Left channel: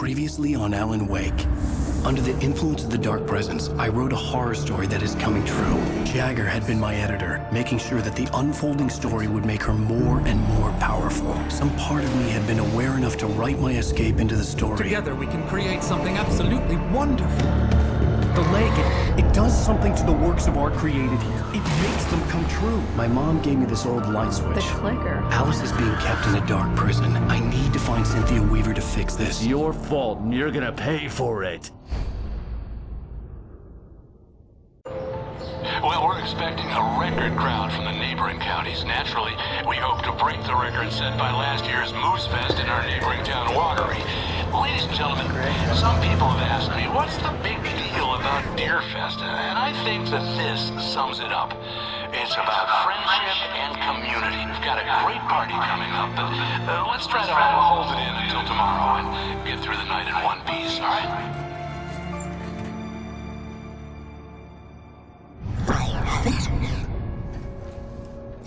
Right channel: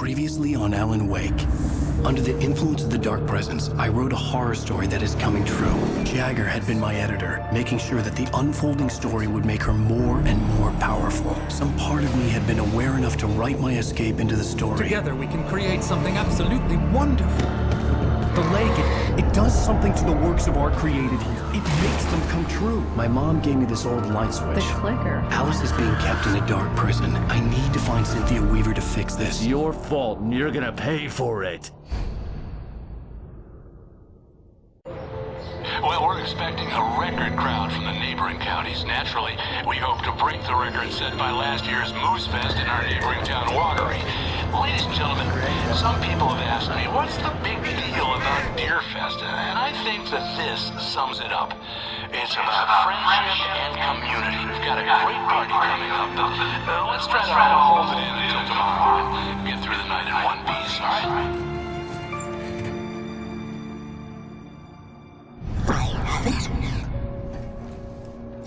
Previously on Alan Wake. Under the influence of the dark presence, I wrote a horror story that is coming true. Jagger had been my editor, making sure that the unfolding story would make her more and more powerful. Some part of me had been aware enough to write my escape into the story. Together we can create something absolutely wonderful. The lake, it does something to the works of art created here. It makes them come true. My mom gave me this old light switch. The clicker. Alice is being kept in a dark prison. I need to find Cynthia Weaver to fix this. It's your fault, and you're gonna pay for it. Well, we're expecting a record crowd from the neighboring counties. Naturally, we hope to break the record set by last year's Moose Fest in our neighboring town, Watery. Ladies and gentlemen, some people have asked me, what's the big deal about Deer Fest? And I think that this sums it up. It's about friendship and community. We've got a great party coming up, but let's try to hold it in until tomorrow and get through the night in one piece, all right? I have it.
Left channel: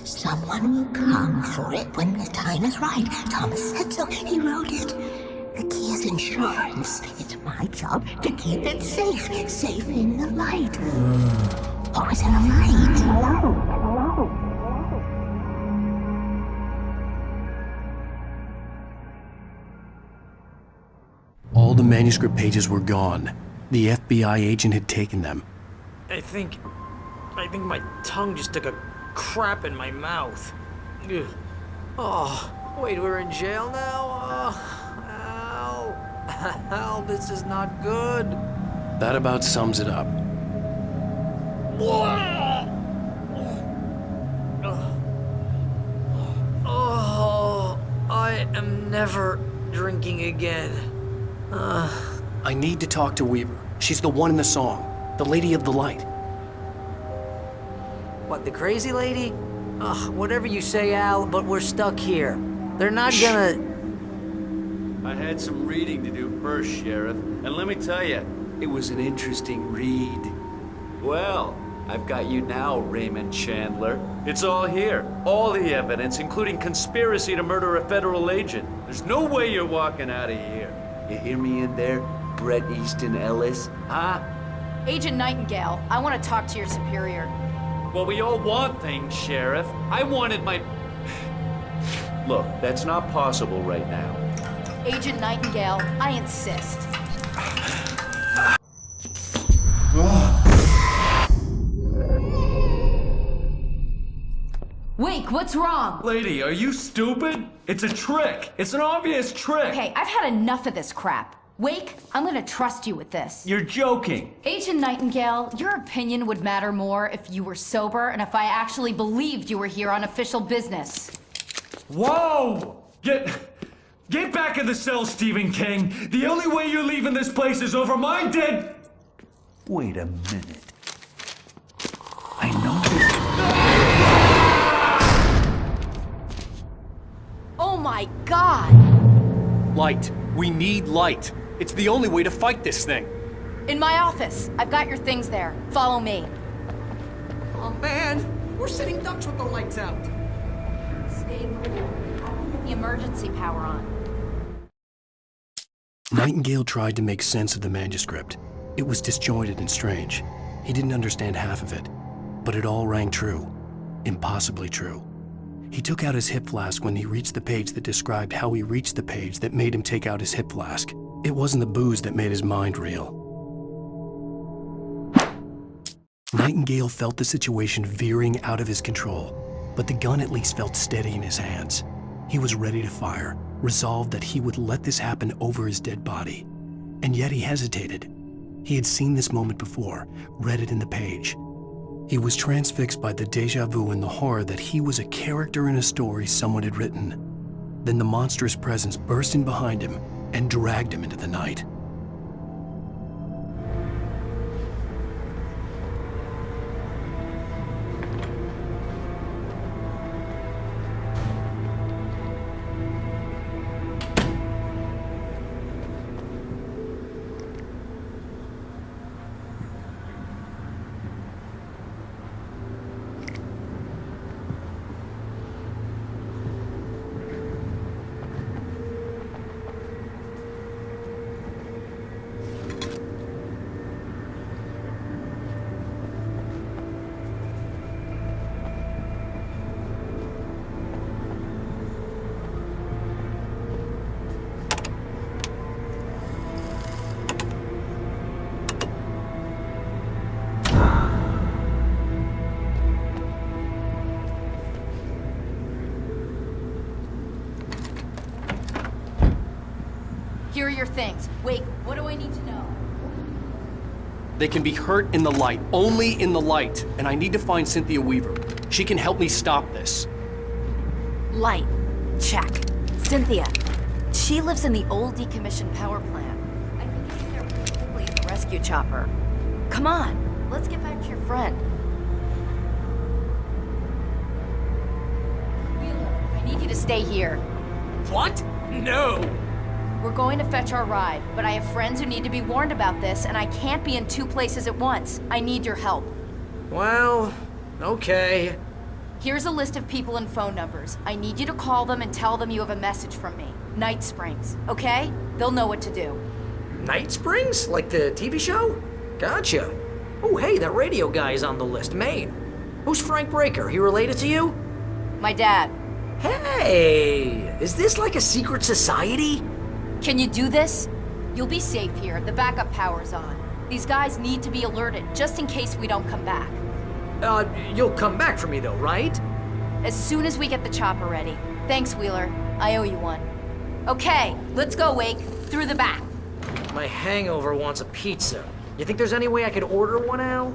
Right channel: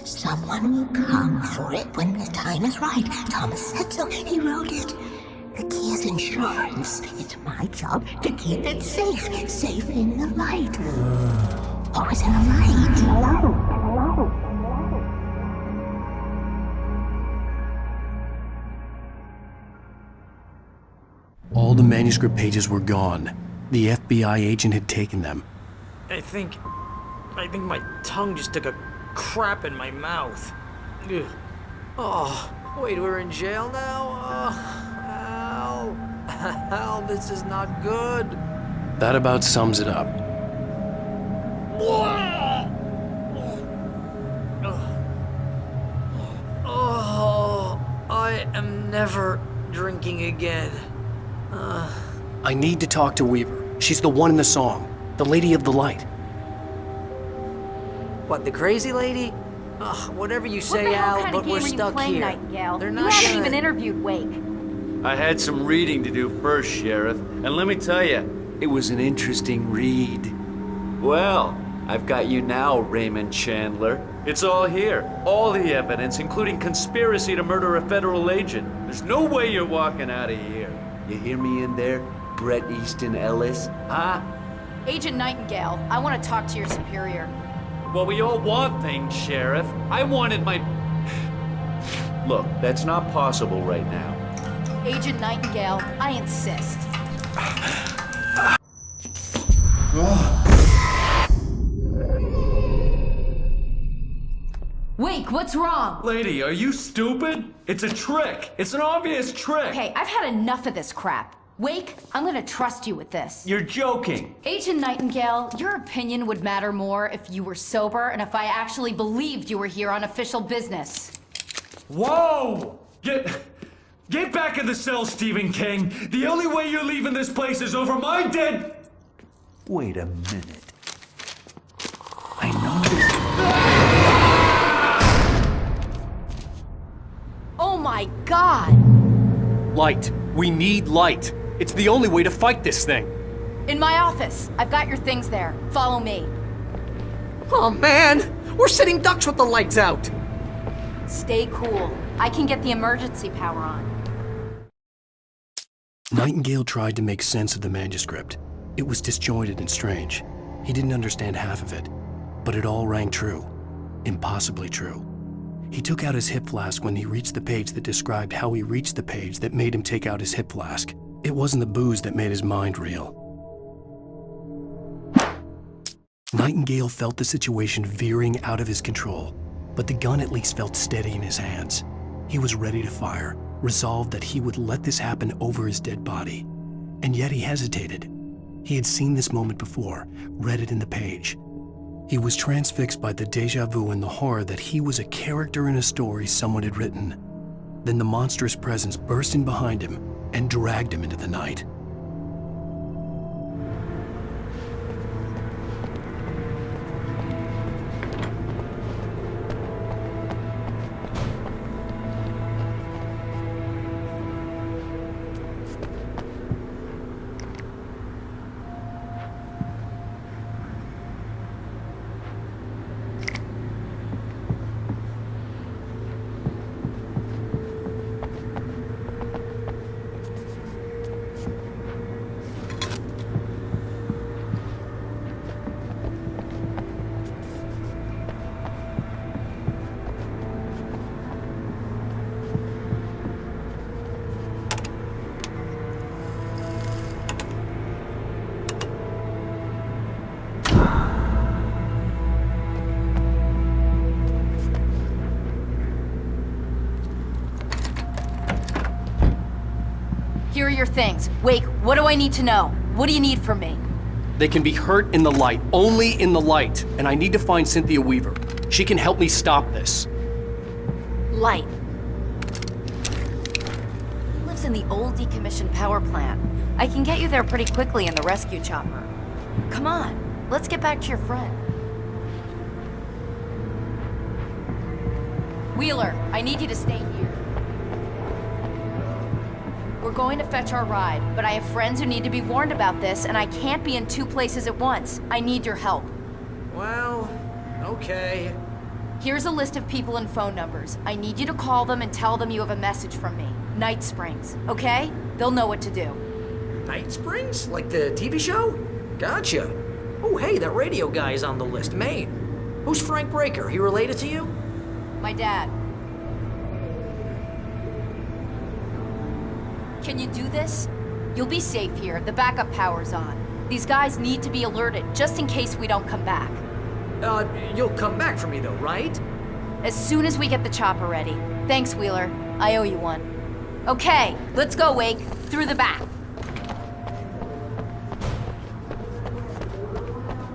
Someone will come for it when the time is right. Thomas said so. He wrote it. The key is insurance. It's my job to keep it safe. Safe in the light. Always in the light. All the manuscript pages were gone. The FBI agent had taken them. I think my tongue just took a crap in my mouth. Ugh. Oh, wait, we're in jail now? Oh, Al. Al, this is not good. That about sums it up. Oh, I am never drinking again. I need to talk to Weaver. She's the one in the song. The Lady of the Light. What, the crazy lady? Ugh, whatever you say, Al, but we're stuck here. They're not gonna... interviewed Wake. I had some reading to do first, Sheriff, and let me tell you, it was an interesting read. Well, I've got you now, Raymond Chandler. It's all here. All the evidence, including conspiracy to murder a federal agent. There's no way you're walking out of here. You hear me in there, Bret Easton Ellis? Huh? Agent Nightingale, I want to talk to your superior. Well, we all want things, Sheriff. I wanted my... Look, that's not possible right now. Agent Nightingale, I insist. Wake, what's wrong? Lady, are you stupid? It's a trick. It's an obvious trick. Okay, I've had enough of this crap. Wake, I'm gonna trust you with this. You're joking. Agent Nightingale, your opinion would matter more if you were sober and if I actually believed you were here on official business. Whoa! Get back in the cell, Stephen King. The only way you're leaving this place is over my dead... Wait a minute. I know this... Oh my God! Light. We need light. It's the only way to fight this thing. In my office. I've got your things there. Follow me. Oh man, we're sitting ducks with the lights out. Stay cool. I can get the emergency power on. Nightingale tried to make sense of the manuscript. It was disjointed and strange. He didn't understand half of it, but it all rang true. Impossibly true. He took out his hip flask when he reached the page that described how he reached the page that made him take out his hip flask. It wasn't the booze that made his mind reel. Nightingale felt the situation veering out of his control, but the gun at least felt steady in his hands. He was ready to fire, resolved that he would let this happen over his dead body. And yet he hesitated. He had seen this moment before, read it in the page. He was transfixed by the déjà vu and the horror that he was a character in a story someone had written. Then the monstrous presence burst in behind him and dragged him into the night. your things. Wake, what do I need to know? What do you need from me? They can be hurt in the light, only in the light. And I need to find Cynthia Weaver. She can help me stop this. Light. Check. Cynthia. She lives in the old decommissioned power plant. I can get you there pretty quickly in the rescue chopper. Come on, let's get back to your friend. Wheeler, I need you to stay here. What? No. We're going to fetch our ride, but I have friends who need to be warned about this, and I can't be in two places at once. I need your help. Well, okay. Here's a list of people and phone numbers. I need you to call them and tell them you have a message from me. Night Springs, okay? They'll know what to do. Night Springs? Like the TV show? Gotcha. Oh, hey, that radio guy is on the list, Maine. Who's Frank Breaker? He related to you? My dad. Hey, is this like a secret society? Can you do this? You'll be safe here. The backup power's on. These guys need to be alerted, just in case we don't come back. You'll come back for me though, right? As soon as we get the chopper ready. Thanks, Wheeler. I owe you one. Okay, let's go, Wake. Through the back. My hangover wants a pizza. You think there's any way I could order one, Al?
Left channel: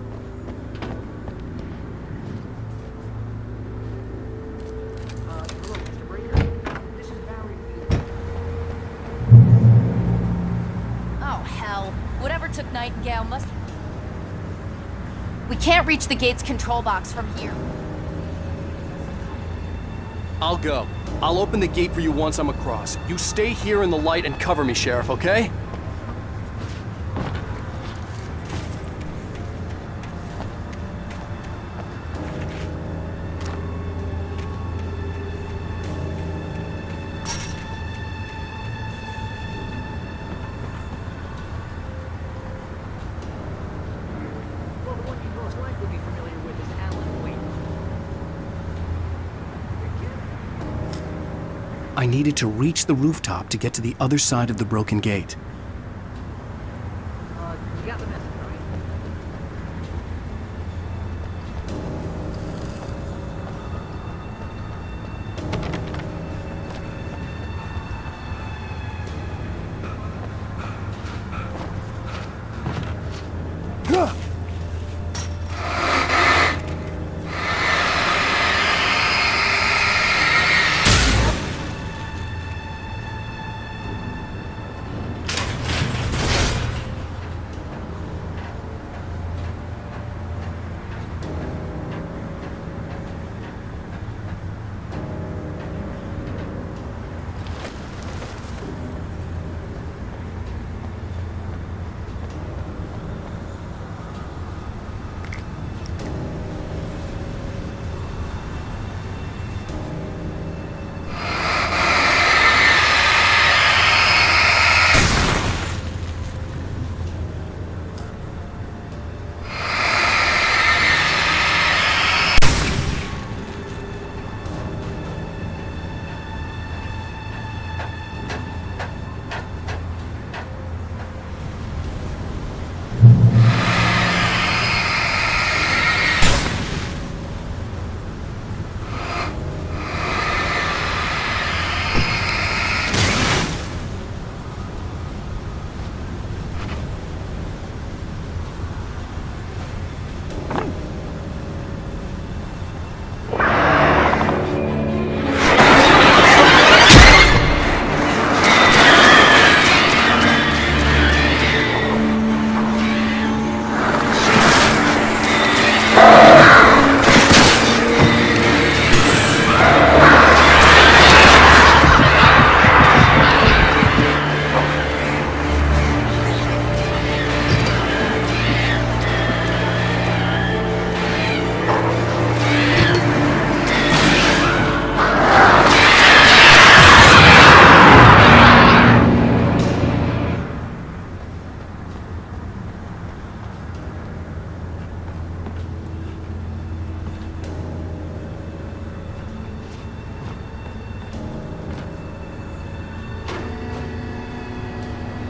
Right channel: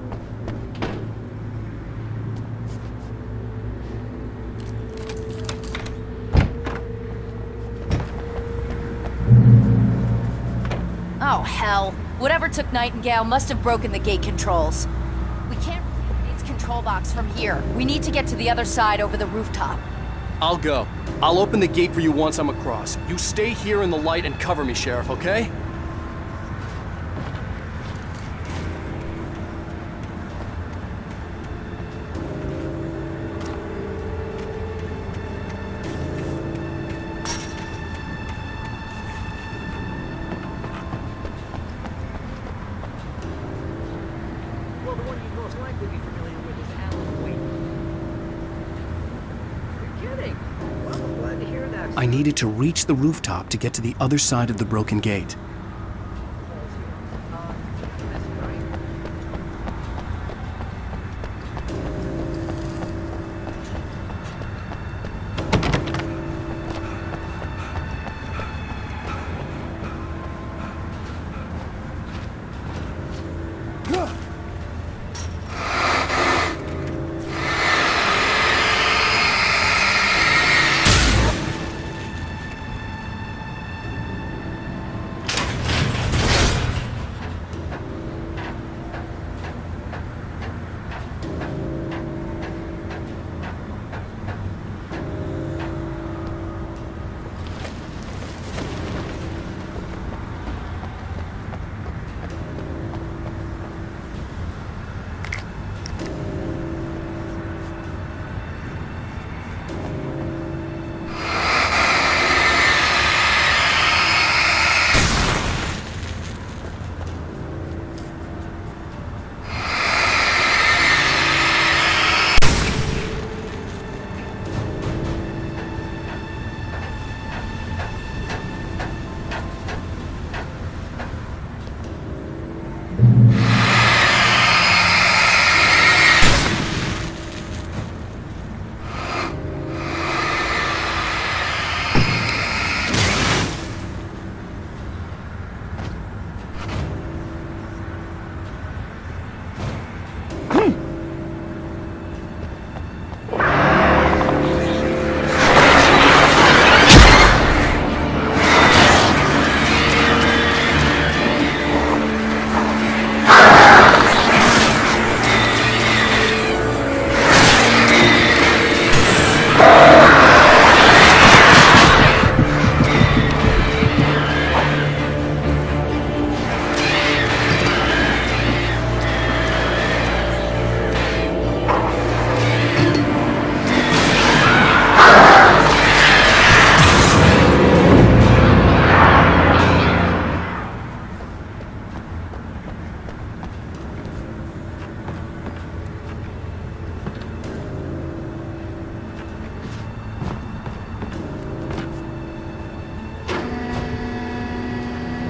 Oh, hell. Whatever took Nightingale must have broken the gate controls. We can't reach the gate's control box from here. We need to get to the other side over the rooftop. I'll go. I'll open the gate for you once I'm across. You stay here in the light and cover me, Sheriff, okay? Well, the one you'd most likely be familiar with is Alan Wake. You're kidding. Glad to hear that. I needed to reach the rooftop to get to the other side of the broken gate. You got the message, right?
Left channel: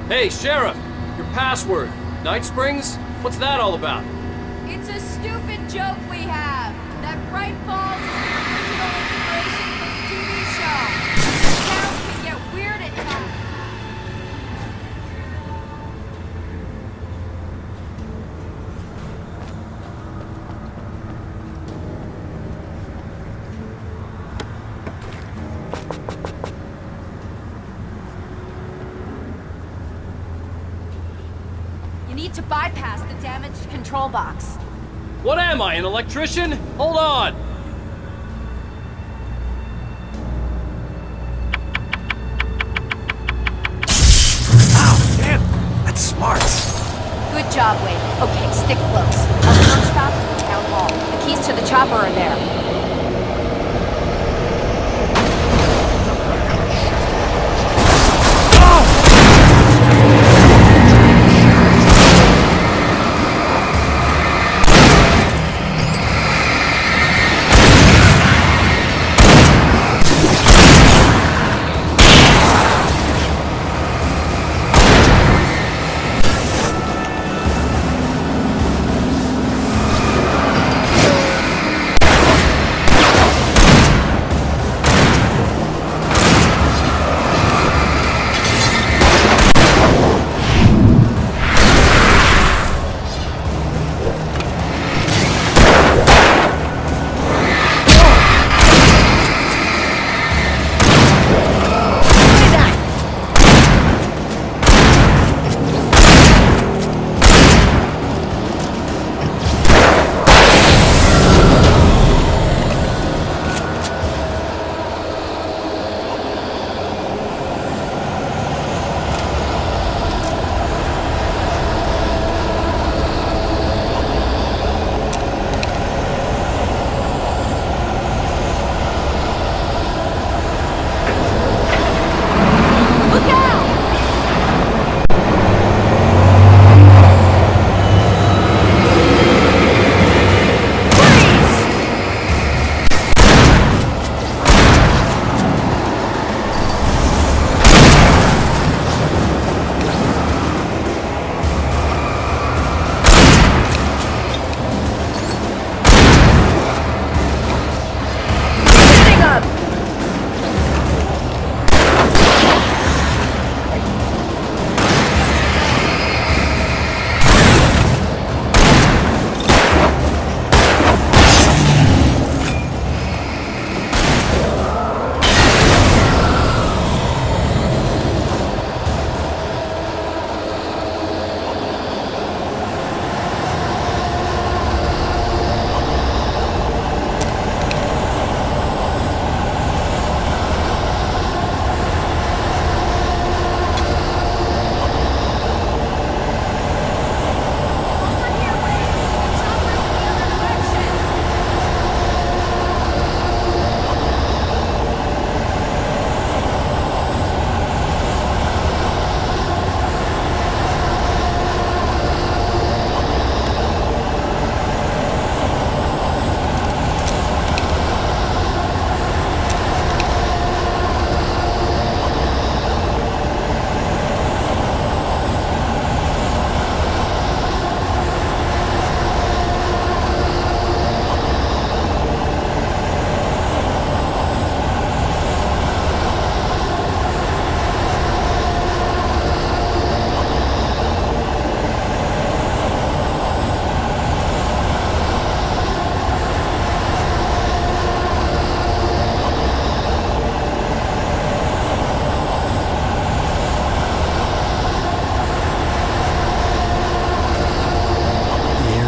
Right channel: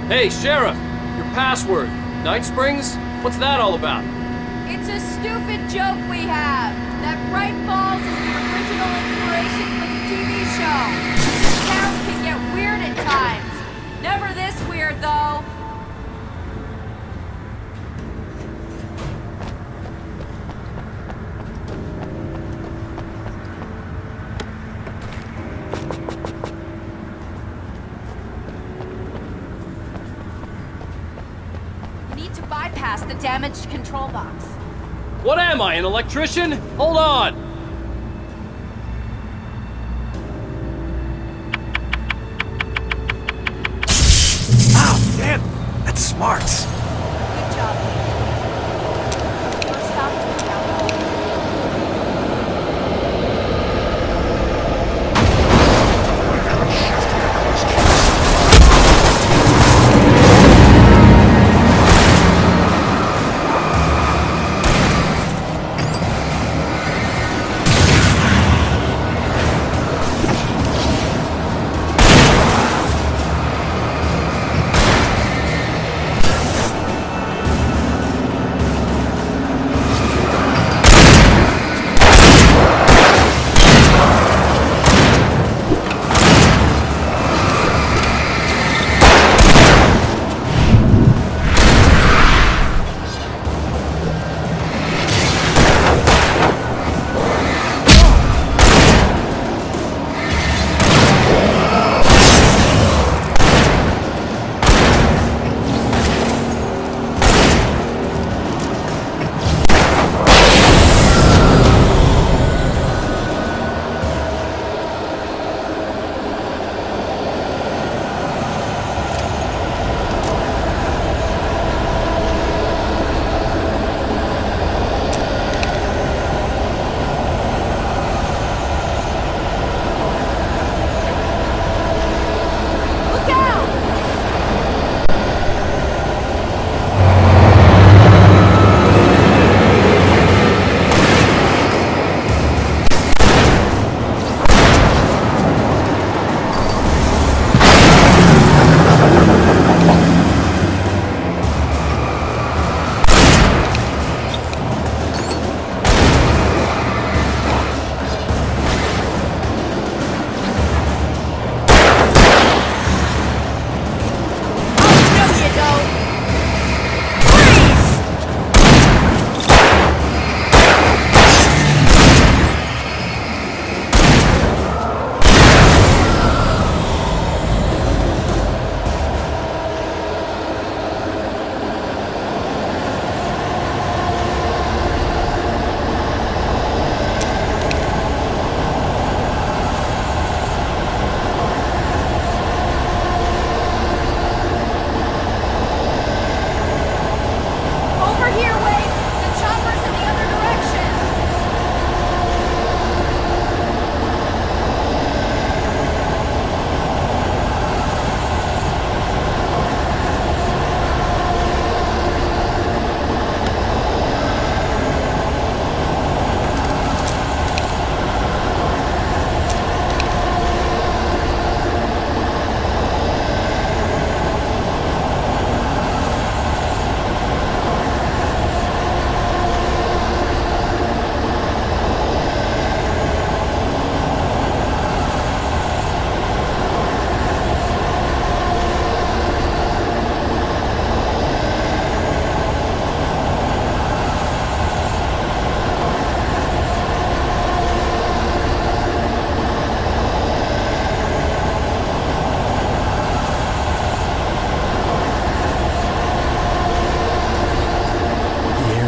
Hey, Sheriff! Your password. Night Springs? What's that all about? It's a stupid joke we have. That Bright Falls is the original inspiration for the TV show. This town can get weird at times. Never this weird, to bypass the damaged control box. What am I, an electrician? Hold on! Ow, damn! That's smart. Good job, Wade. Okay, stick close. Our first stop is the town hall. The keys to the chopper are there.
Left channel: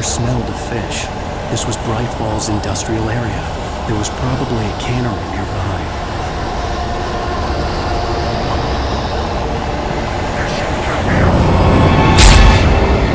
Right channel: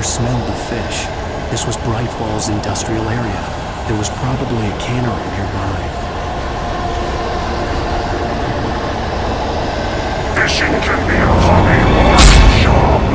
air smelled of fish. This was Bright Falls industrial area. There was probably a cannery nearby. Fishing can be a hobby or a job.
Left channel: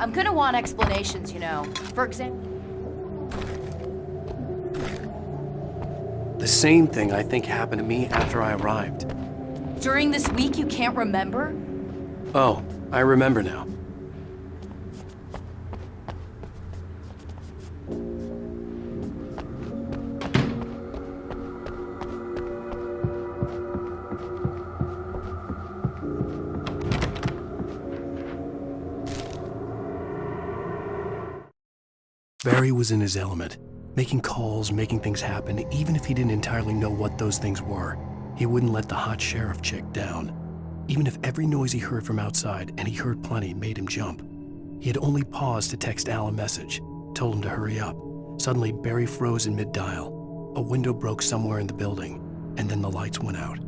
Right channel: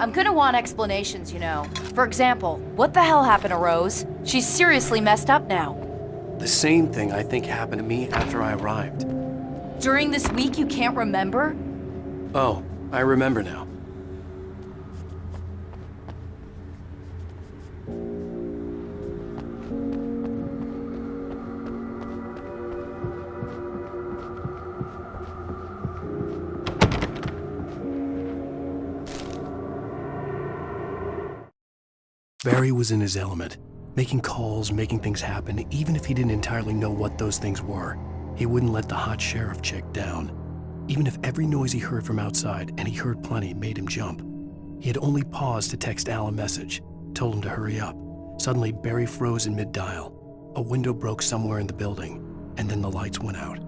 I'm gonna want explanations, you know. For example, what the hell happened to Rose? She's seriously messed up now. The same thing I think happened to me after I arrived. During this week you can't remember? Oh, I remember now. Barry was in his element, making calls, making things happen, even if he didn't entirely know what those things were. He wouldn't let the hot sheriff chick down. Even if every noise he heard from outside, and he heard plenty, made him jump. He had only paused to text Al a message, told him to hurry up. Suddenly, Barry froze in mid-dial. A window broke somewhere in the building, and then the lights went out.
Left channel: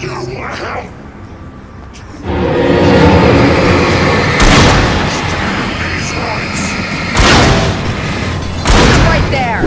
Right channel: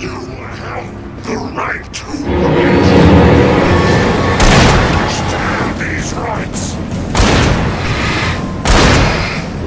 You have the right to understand these rights. Right there!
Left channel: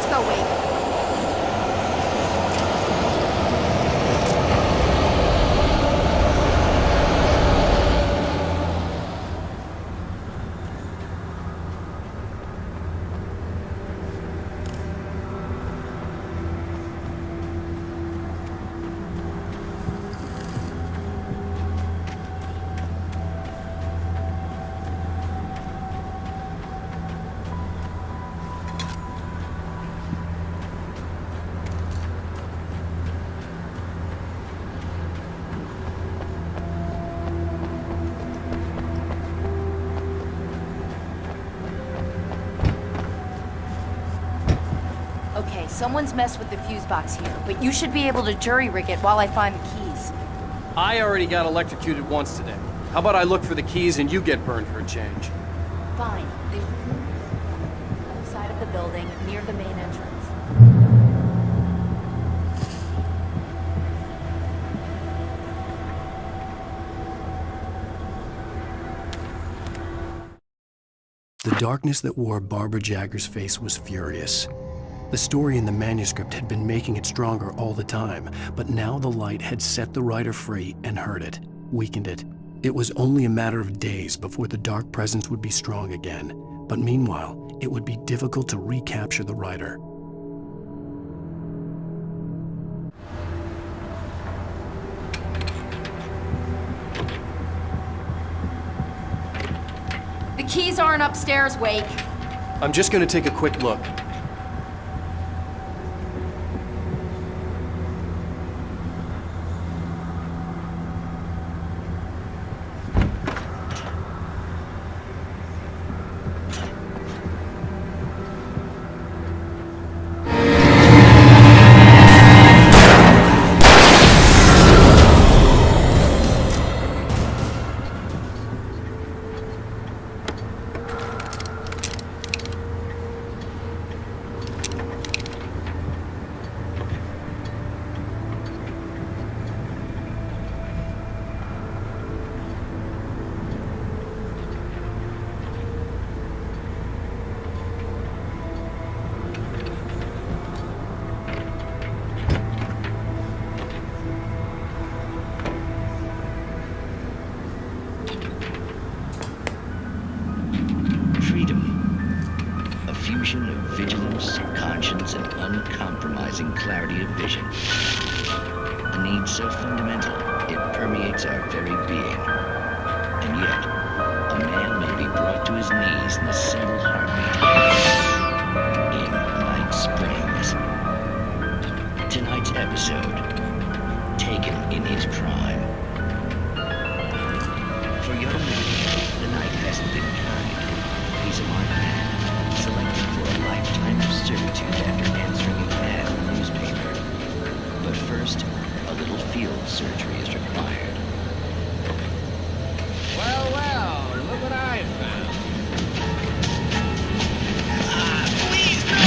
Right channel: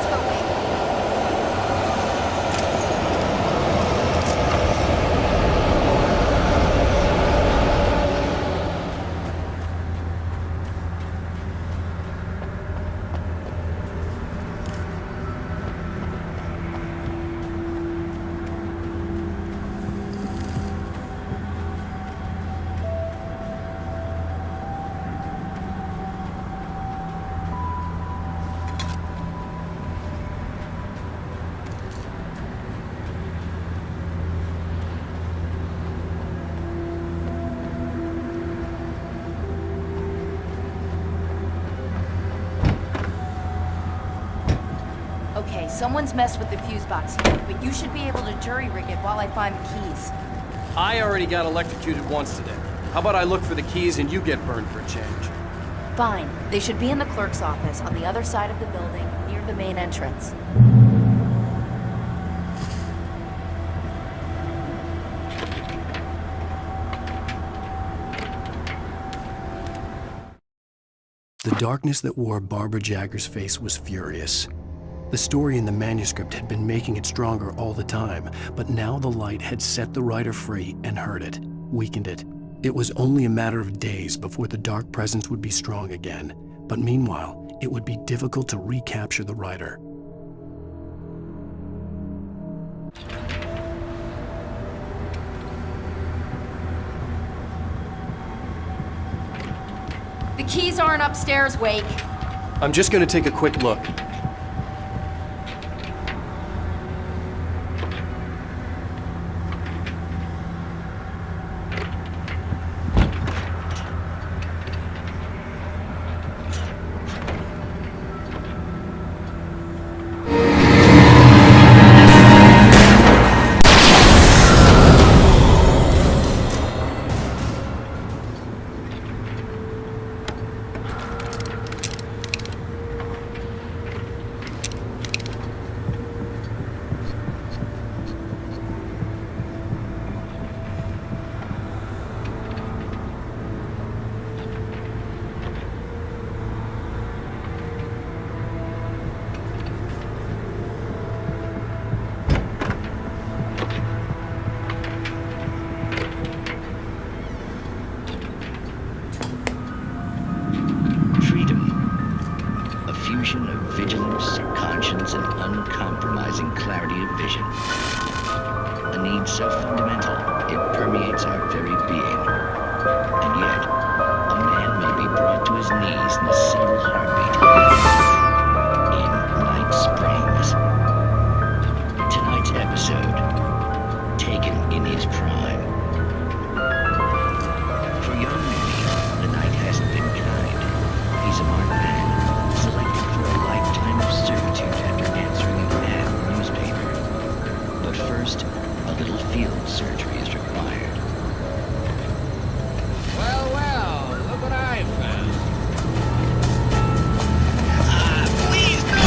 Let's go, Wake. Okay, someone's messed with the fuse box here, but you should be able to jury-rig it while I find the keys. I already got electrocuted once today. How about I look for the keys and you get burned for a change? Fine. They should be in the clerk's office on the other side of the building, near the main entrance. The darkness that wore Barbara Jagger's face was furious. The story in the manuscript had been making it stronger all the time, but now the light had set the writer free and hurt it, weakened it. It was only a matter of days before the dark presence would be strong again, but meanwhile, it would be difficult to recapture the writer. The keys aren't upstairs, Wake. I'm just gonna take a quick look. Fusion of vigilance, conscience, and uncompromising clarity of vision. A need so fundamental, it permeates our very being. And yet, a man may be brought to his knees in a single heartbeat. In Night Springs. Tonight's episode, taken in his prime. For young Manny, the night hasn't been kind. He's a marked man. Selected for a lifetime of servitude after answering an ad in the newspaper. But first, a little field surgery is required. Well, look what I found. Please, no!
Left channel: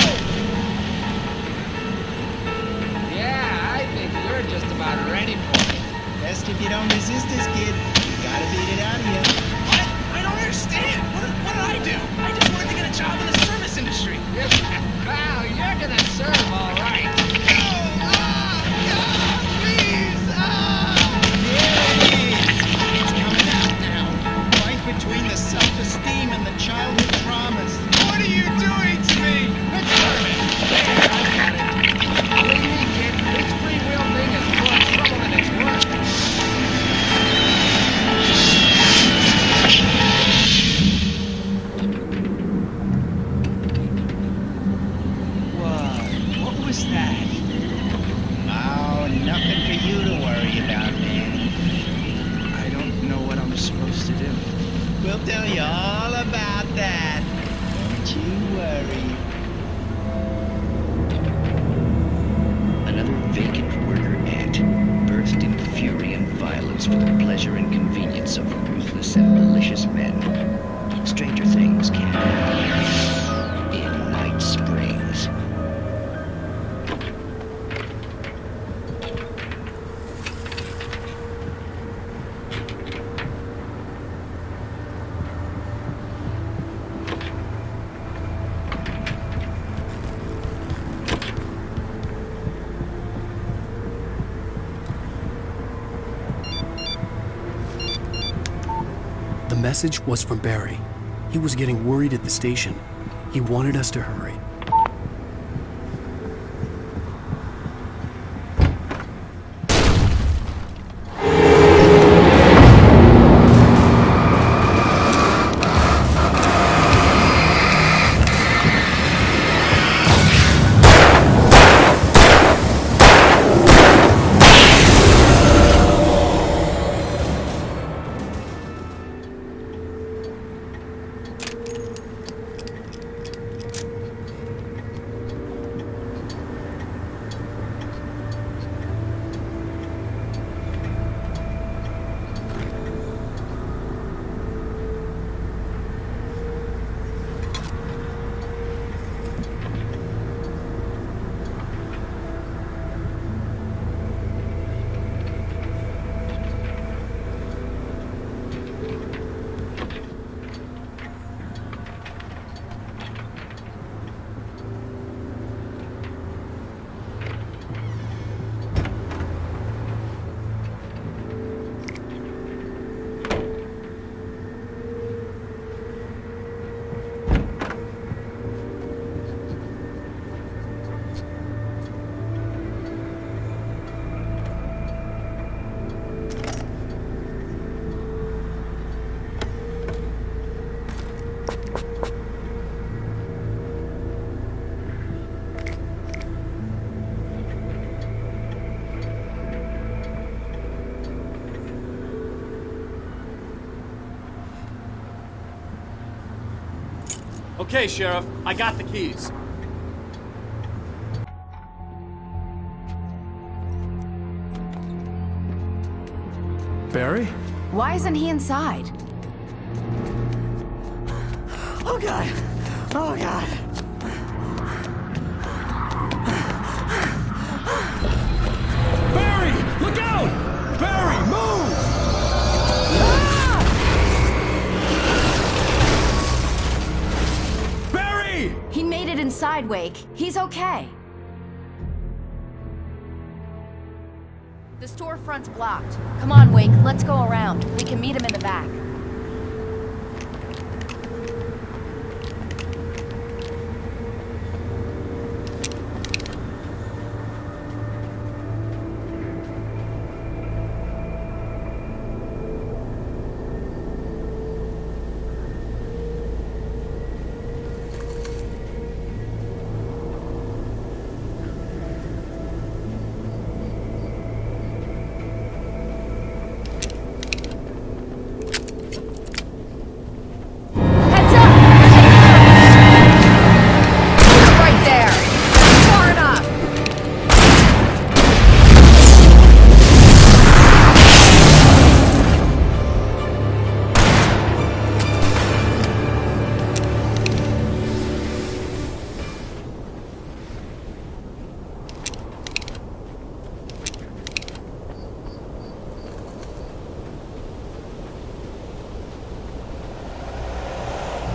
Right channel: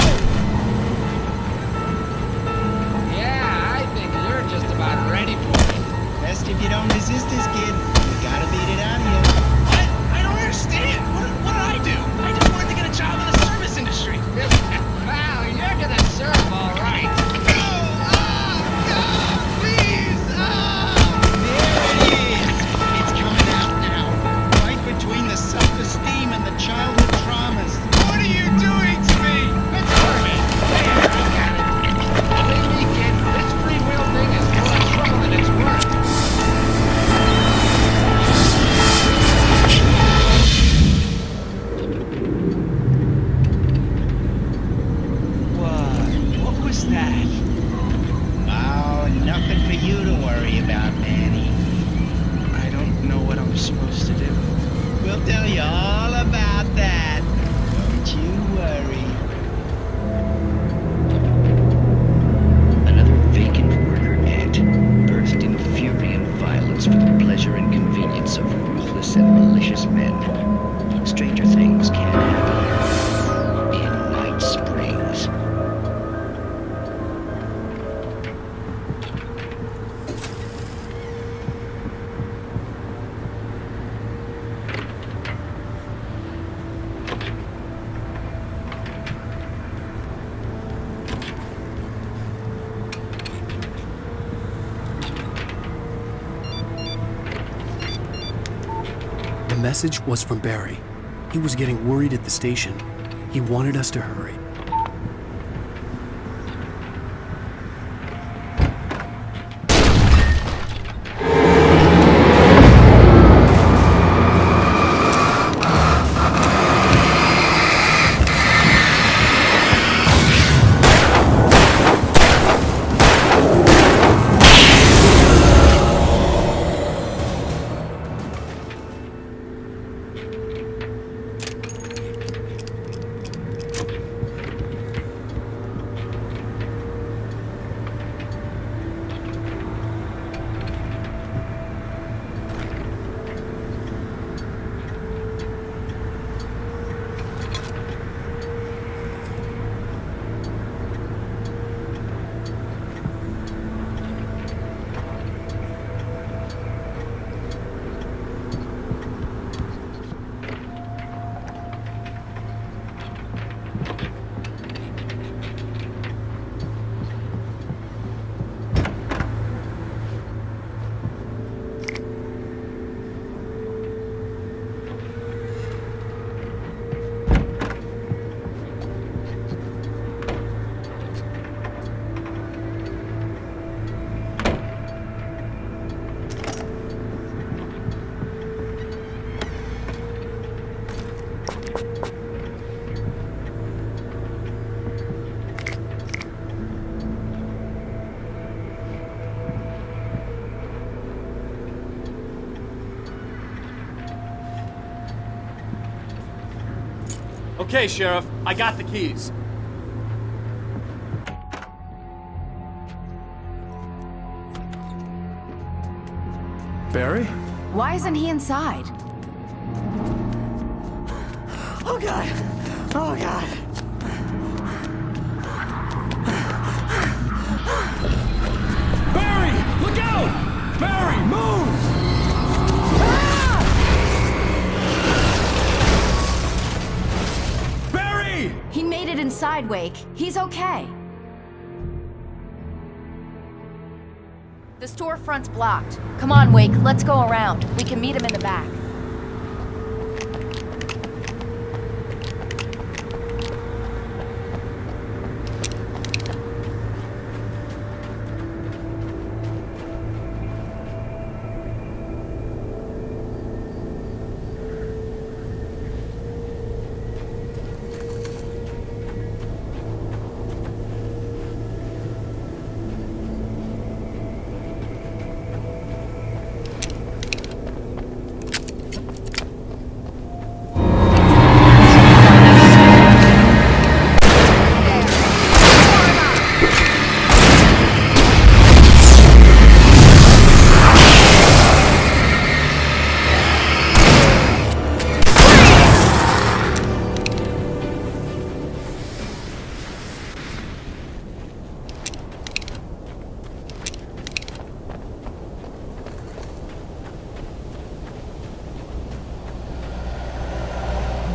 Yeah, I think you're just about ready for it. Best if you don't resist this, kid. You gotta beat it out of you. What? I don't understand. What did I do? I just wanted to get a job in the service industry. Wow, you're gonna serve all right. No! Please! There it is! It's coming out now. Right between the self-esteem and the childhood traumas. What are you doing to me? It's perfect. There, I got it. Believe me, kid, this free will thing is more trouble than it's worth. What was that? Oh, nothing for you to worry about, Manny. I don't know what I'm supposed to do. We'll tell you all about that. Don't you worry. Another vacant worker ant, burst in fury and violence for the pleasure and convenience of ruthless and malicious men. Stranger things can happen here in Night Springs. message was from Barry. He was getting worried at the station. He wanted us to hurry. Okay, Sheriff, I got the keys. Barry? Why isn't he inside? Oh God! Oh God! Barry! Look out! Barry, move! Barry! He made it inside, Wake. He's okay. The storefront's blocked. Come on, Wake, let's go around. We can meet him in the back.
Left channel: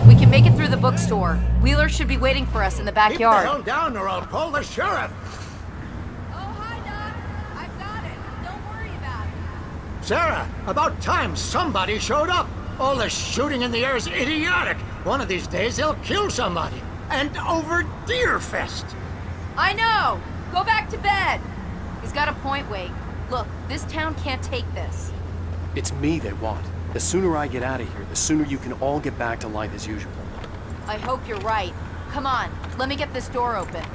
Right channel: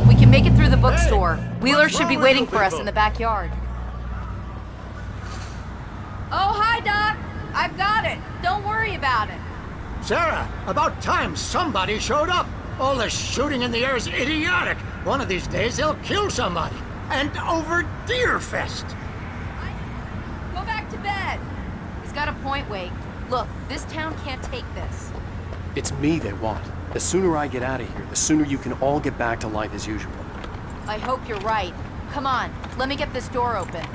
We can make it through the bookstore. Wheeler should be waiting for us in the backyard. Keep the hell down or I'll call the sheriff. Oh, hi, Doc. I've got it. Don't worry about it. Sarah, about time somebody showed up. All this shooting in the air is idiotic. One of these days they'll kill somebody. And over Deerfest. I know. Go back to bed. He's got a point, Wake. Look, this town can't take this. It's me they want. The sooner I get out of here, the sooner you can all get back to life as usual. I hope you're right. Come on, let me get this door open.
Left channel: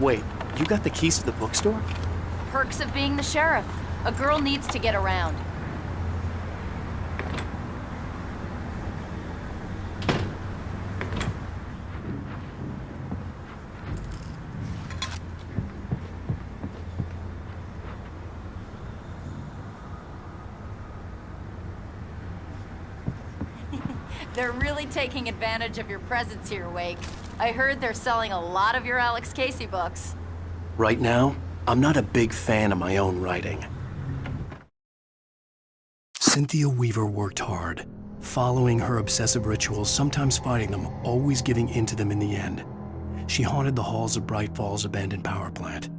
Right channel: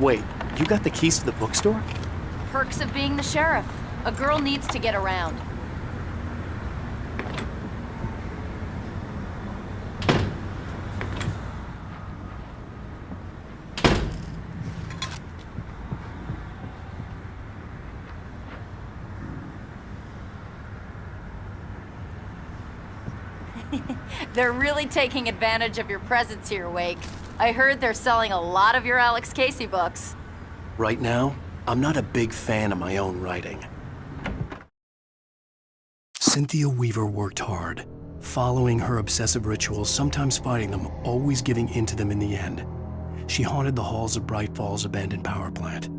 Wait, you got the keys to the bookstore? Perks of being the sheriff. A girl needs to get around. They're really taking advantage of your presence here, Wake. I heard they're selling a lot of your Alex Casey books. Right now, I'm not a big fan of my own writing. Cynthia Weaver worked hard, following her obsessive rituals, sometimes fighting them, always giving in to them in the end. She haunted the halls of Bright Falls' abandoned power plant.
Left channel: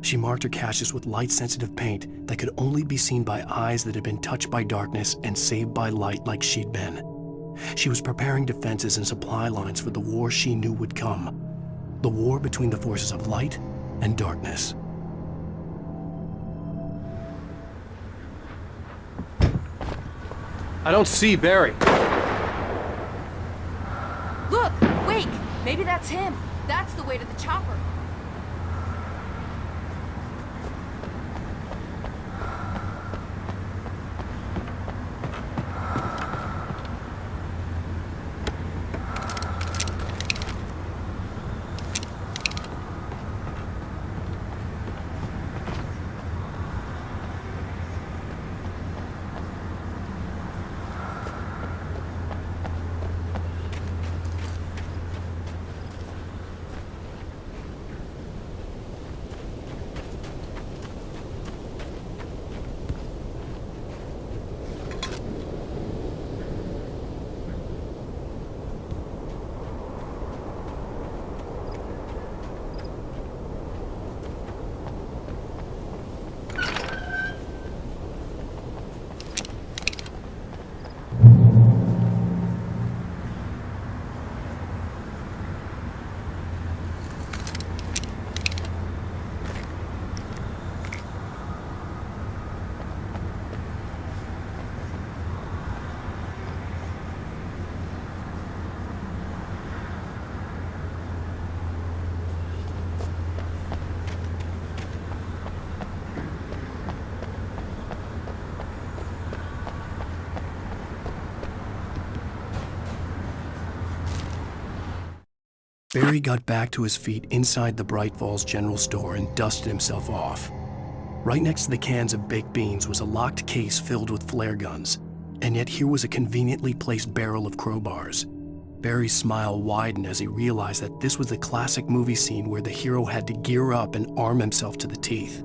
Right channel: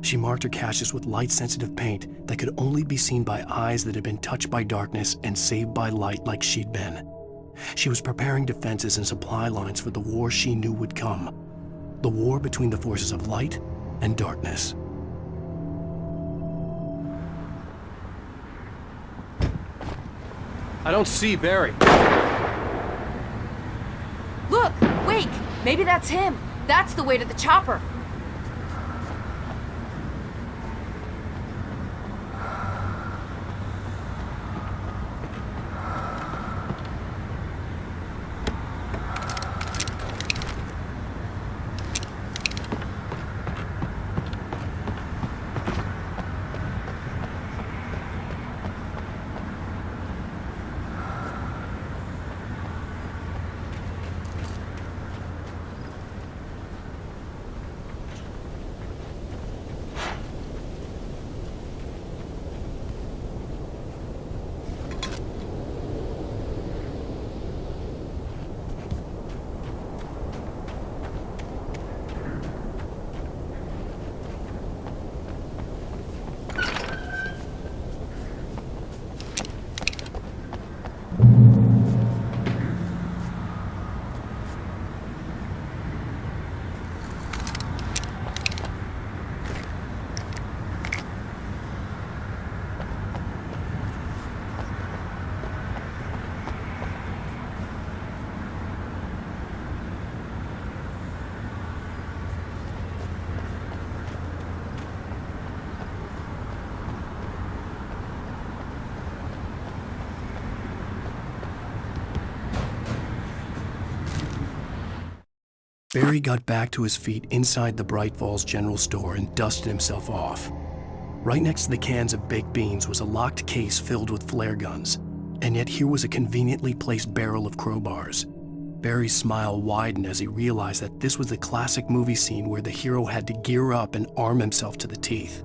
She marked her caches with light-sensitive paint that could only be seen by eyes that had been touched by darkness and saved by light like she'd been. She was preparing defenses and supply lines for the war she knew would come. The war between the forces of light and darkness. I don't see Barry. Look! Wake! Maybe that's him. That's the way to the chopper. Barry got back to his feet inside the Bright Falls General Store and dusted himself off. Right next to the cans of baked beans was a locked case filled with flare guns, and yet here was a conveniently placed barrel of crowbars. Barry's smile widened as he realized that this was the classic movie scene where the hero had to gear up and arm himself to the teeth.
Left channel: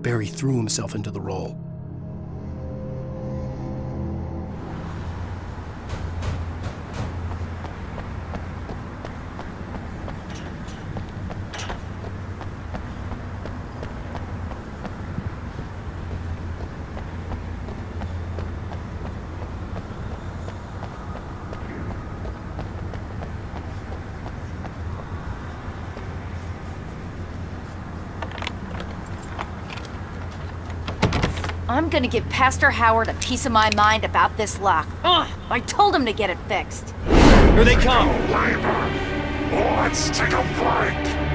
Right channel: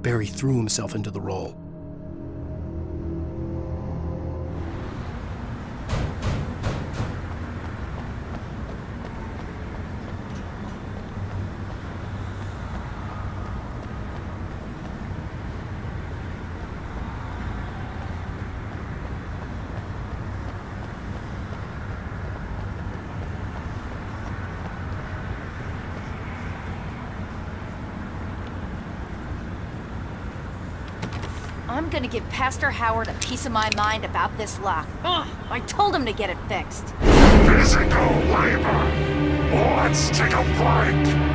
Barry threw himself into the role. I'm gonna give Pastor Howard a piece of my mind about this lock. Ugh, I told him to get it fixed. Here they come! Labor. Let's take a break.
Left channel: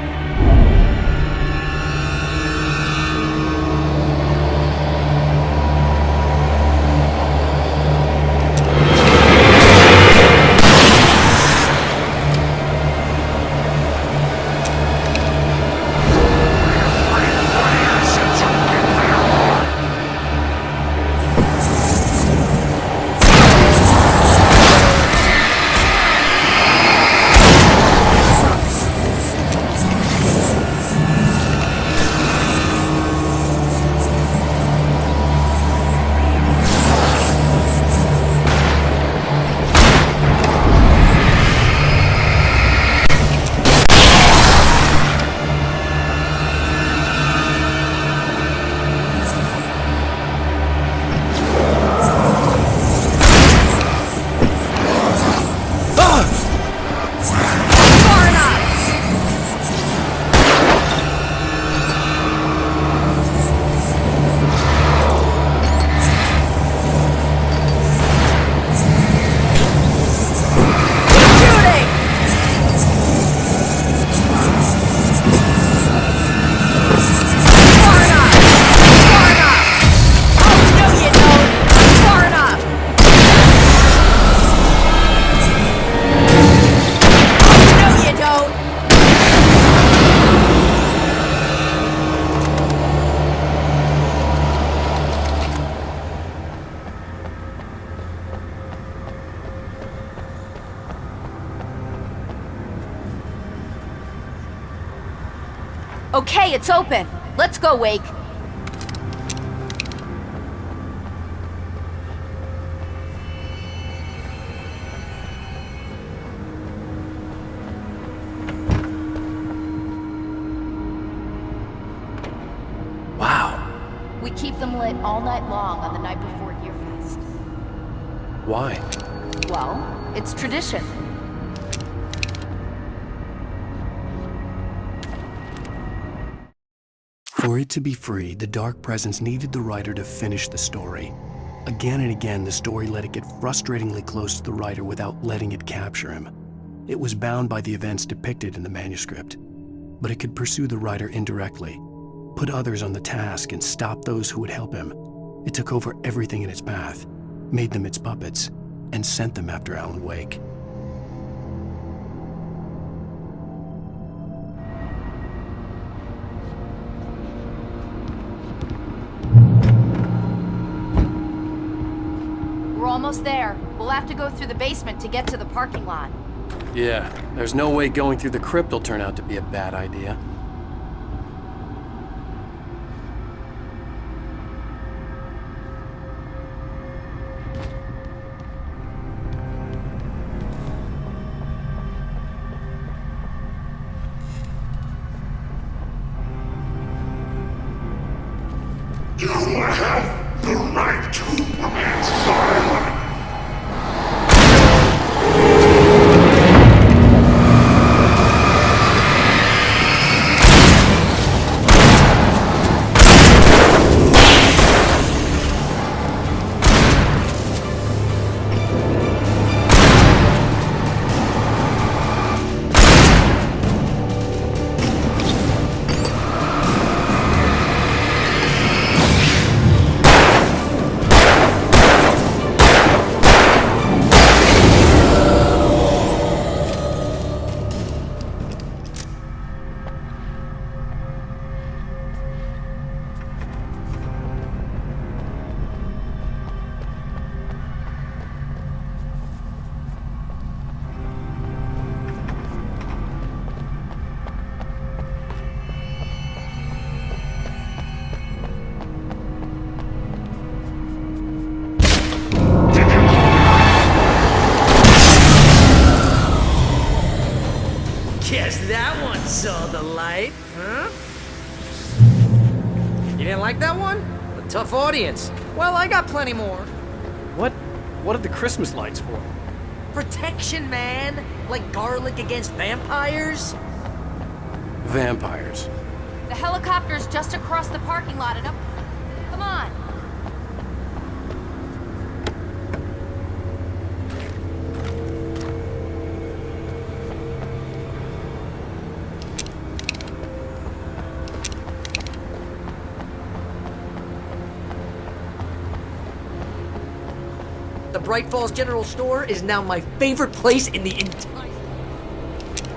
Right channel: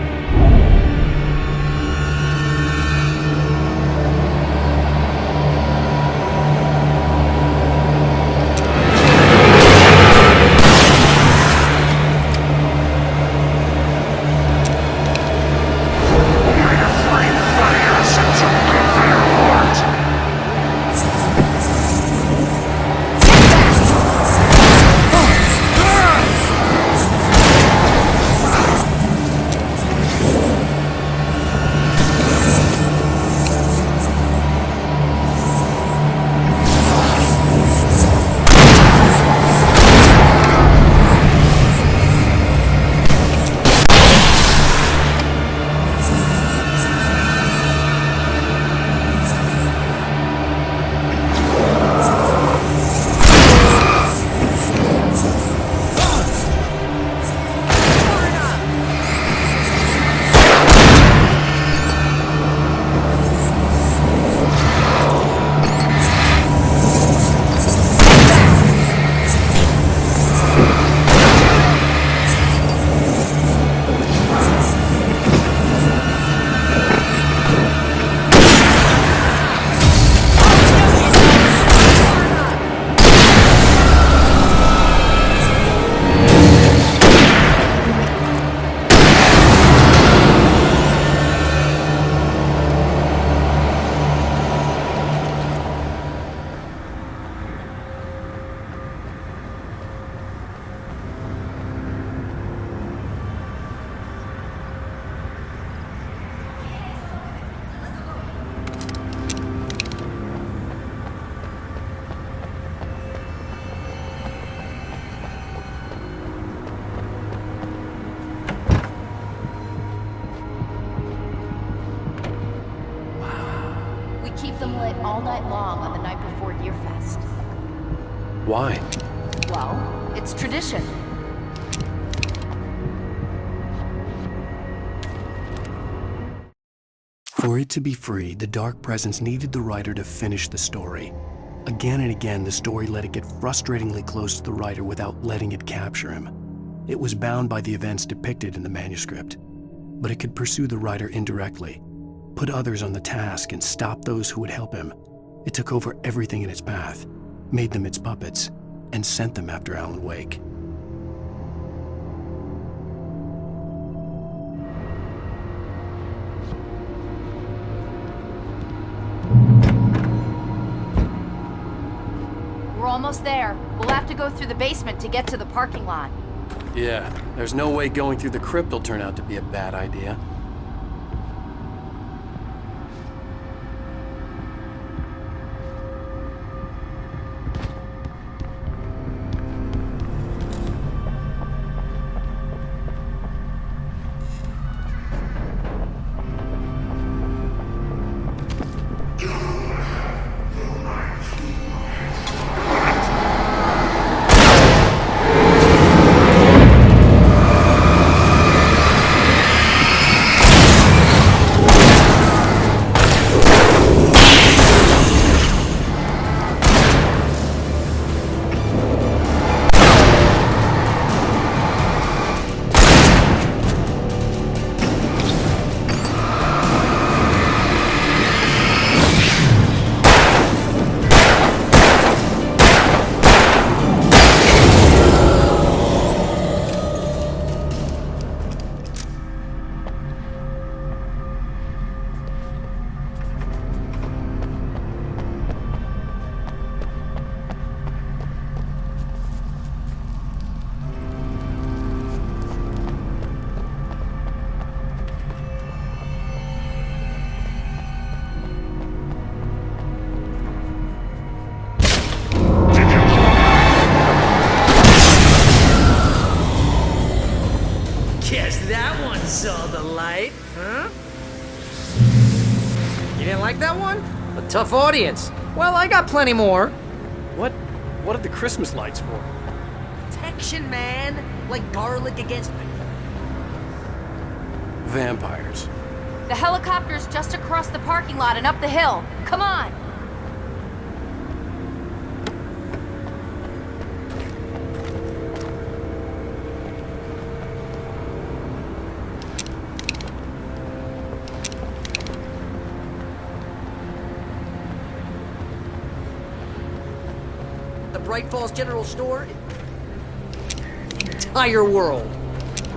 Okay, it's open. Let's go, Wake. Wow. We keep them lit all night long on the night before Deerfest. Why? Well, It's tradition. For it to be free, the Dark Presence needed the writer to finish the story. Again and again, the story let it get frustratingly close to the writer without letting it capture him. It was bound by the events depicted in the manuscript, but it could pursue the writer indirectly, put others on the task, and stop those who would help him. It took over everything in its path, made them its puppets, and sent them after Alan Wake. We're almost there. We'll have to go through the basement to get to the parking lot. Yeah, there's no way going through the crypt will turn out to be a bad idea. You have the right to remain silent. Guess that one saw the light, huh? You didn't like that one? A tough audience. Well, I got plenty more. What are the Christmas lights for? Protection, man. Like garlic against vampires. Vampires. The helicopter's just across the parking lot and up the hill. Come on! The Bright Falls General Store is now my favorite place in the entire world.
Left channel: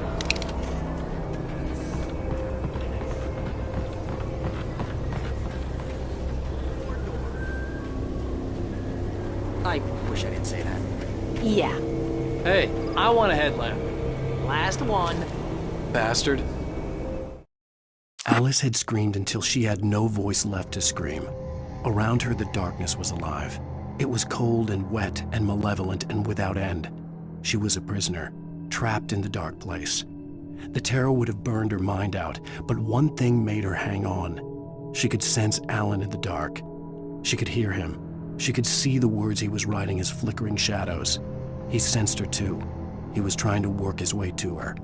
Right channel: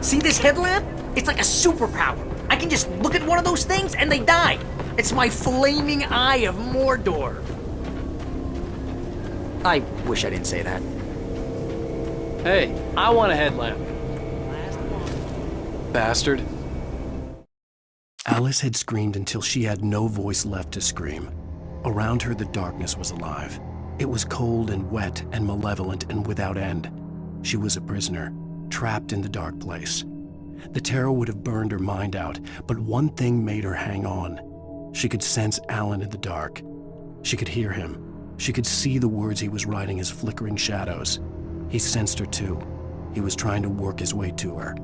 See this headlamp? It's like a superpower. I can just look at one of those things and they die. It's my flaming eye of Mordor. I wish I didn't say that. Yeah. Hey, I want a headlamp. Last one. Bastard. Alice had screamed until she had no voice left to scream. Around her, the darkness was alive. It was cold and wet and malevolent and without end. She was a prisoner, trapped in the dark place. The terror would have burned her mind out, but one thing made her hang on. She could sense Alan in the dark. She could hear him. She could see the words he was writing as flickering shadows. He sensed her too. He was trying to work his way to her.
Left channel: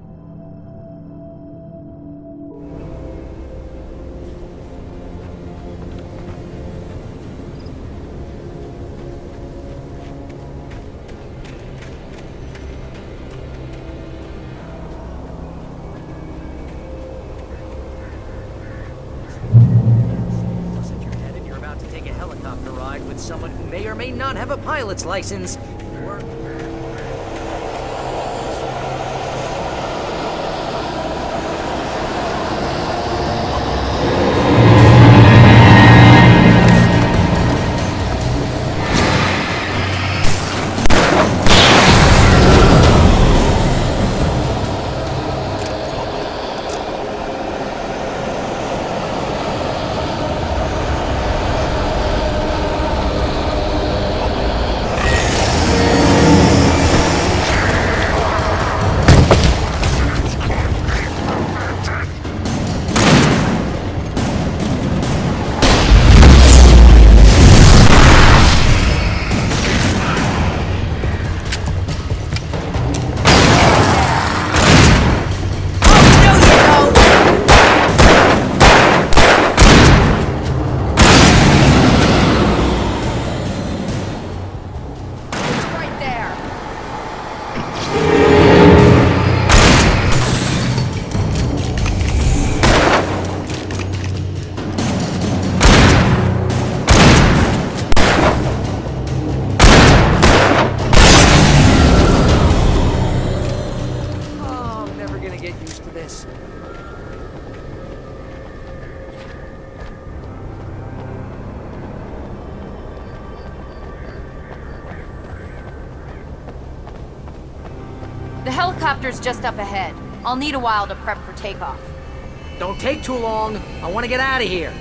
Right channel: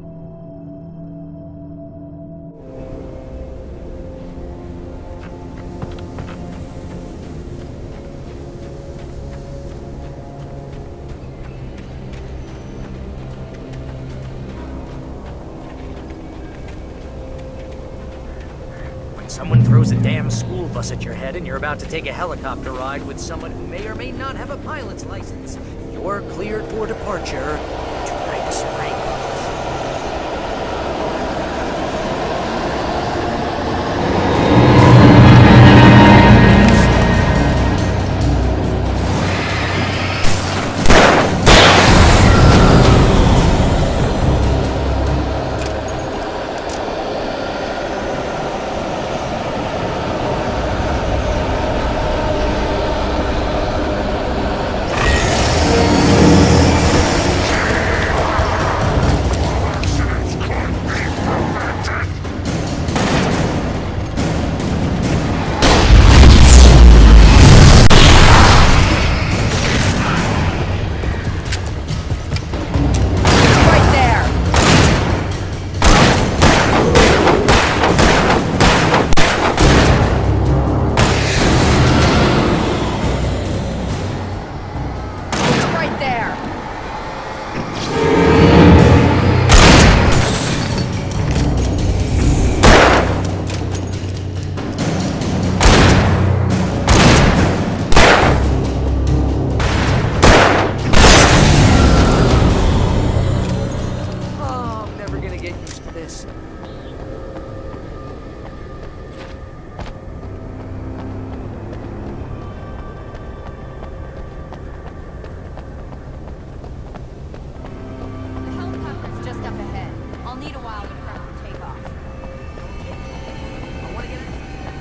Someone throws a damn school bus at your head and you're about to take a helicopter ride with someone who may or may not have a pilot's license, you're cleared for departure to Bright Springs. this. The helicopter's just up ahead. I'll need a while to prep for takeoff. Don't take too long. I want to get out of here.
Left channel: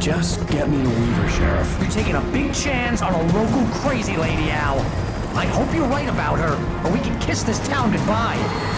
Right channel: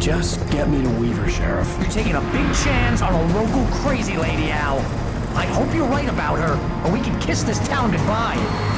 Just get me to Weaver, Sheriff. You're taking a big chance on a local crazy lady, Al. I hope you're right about her, or we can kiss this town goodbye.